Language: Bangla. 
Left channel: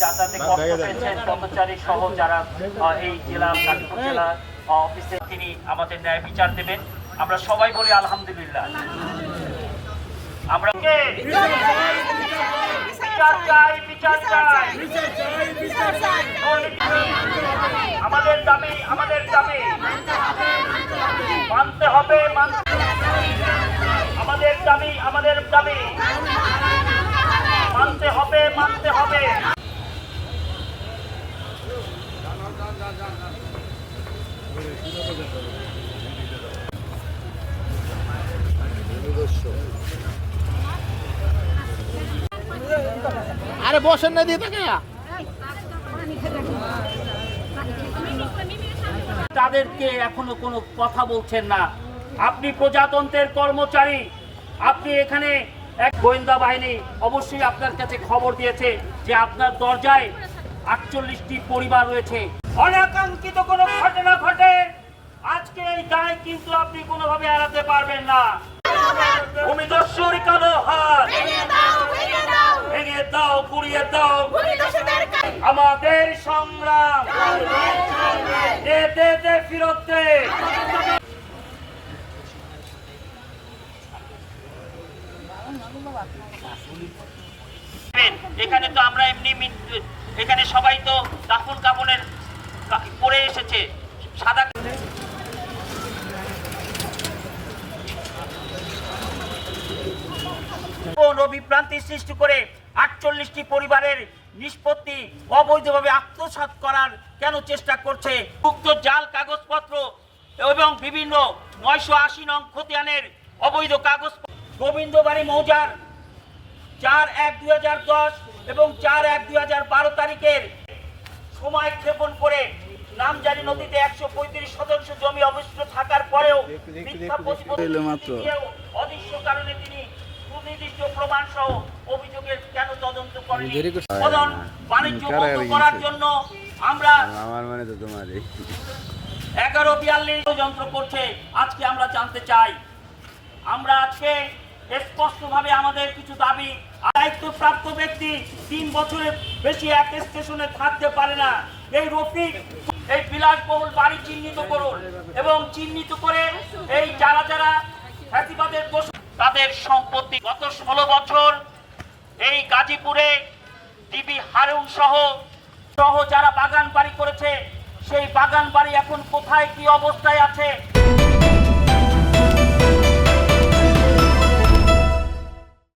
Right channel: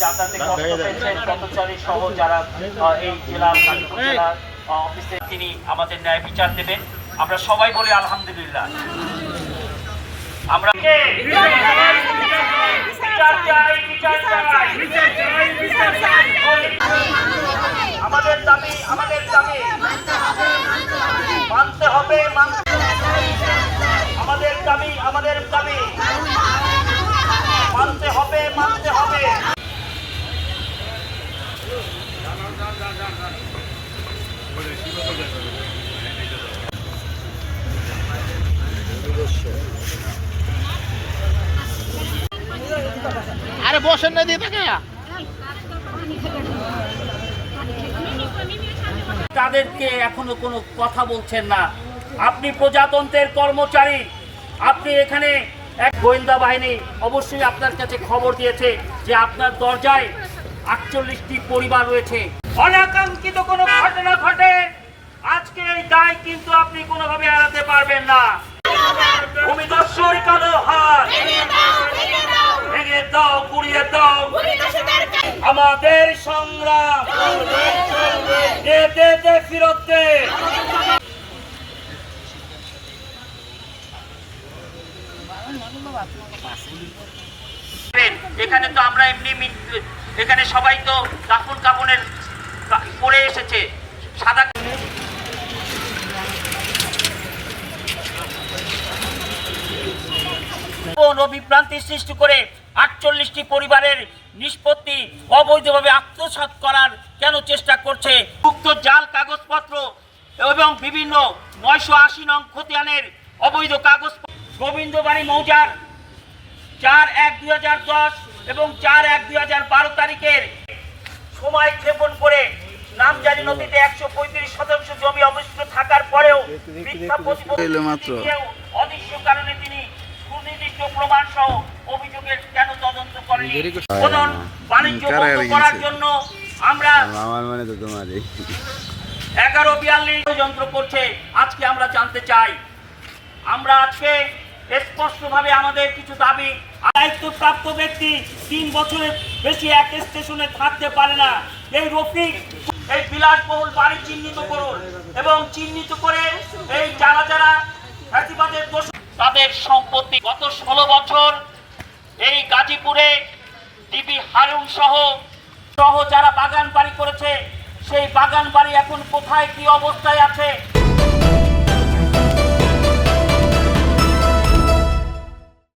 যাতায়াতে কষ্ট পেয়েছেন পথচারী সহ যারা এই জেলা গাজীপুর জেলা অফিসে তিনি আমাদের ন্যায় বিচার দেবেন। আমরা সবাই বলি আলহামদুলিল্লাহ। আমরা বিচার চাই, বিচার চাই, আমাদের দাবি মানতে হবে, আমাদের দাবি মানতে হবে। আরে বসেন না দিয়ে থাকে তাদেরকে এখনো কোনো কথা বলছেন না। আপনি প্রজাতন্ত্রের কর্মচারী, আপনি এখানে এক গোয়েন্দা বাহিনী অবশ্যই আপনার কাছে খবর দিয়েছে যে আপনার দরজায় 48টি পরিবার রয়েছে। অনাকাঙ্ক্ষিত কোনো ঘটনা ঘটে, আজকে এই দায় কিন্তু আপনি কোনোভাবে এড়াতে পারবেন না। ভূমিদস্যুর কালো হাত ভেঙে দাও, গুড়িয়ে দাও, আমাদের সংগ্রাম দে ফিরত দে। এখানে তো আমরা এমনি এখানে সবাই তো দাফন কাফনের পরে এসেছে সাদা বিভ্রান্তি সৃষ্টি করে 48টি পরিবারের নিষ্পত্তি অবৈধভাবে আত্মসাৎ করার কেন চেষ্টা করছে? উক্ত জাল কাগজপত্র এবং বিভিন্ন 980 নং খতিয়ানের অবৈধ কাগজ গোবিন্দবাড়ি মৌজার 4/1/2010 এবং 4/1/2012 তারিখের সময় ক্ষেপণ করে নামজারি নথিতে 135 শতাংশ জমি অবশিষ্ট থাকার পরেও মিথ্যা প্রতিপত্তি অদৃশ্য কারণে তিনি সুনির্দিষ্ট প্রমাণ সহ অভিযোগের কেন তদন্ত করেনি? বাণিজ্য করার জন্য আমরা 1142 যন্ত্র করছে। আজকে আমরা জানতে চাই, আমরা আজকে স্পষ্টভাবে আমাদের কিছু দাবি, দায়িত্বপ্রাপ্ত ব্যক্তি 3 বছরের বেশি এক স্টেশনে থাকতে পারে না। এই রফিক এই বিলাসবহুল বাড়ি চিহ্নিত করুন এবং চিহ্নিত করে এই যারা ফ্যাসিবাদের তাদের সম্পত্তি গত 16 বছর এই গাজীপুরে ডিবি হারুন সহ যারা বাগান বাড়ি করেছে, সেই বাগান বাড়ি এখন কোথায় কি অবস্থায় আছে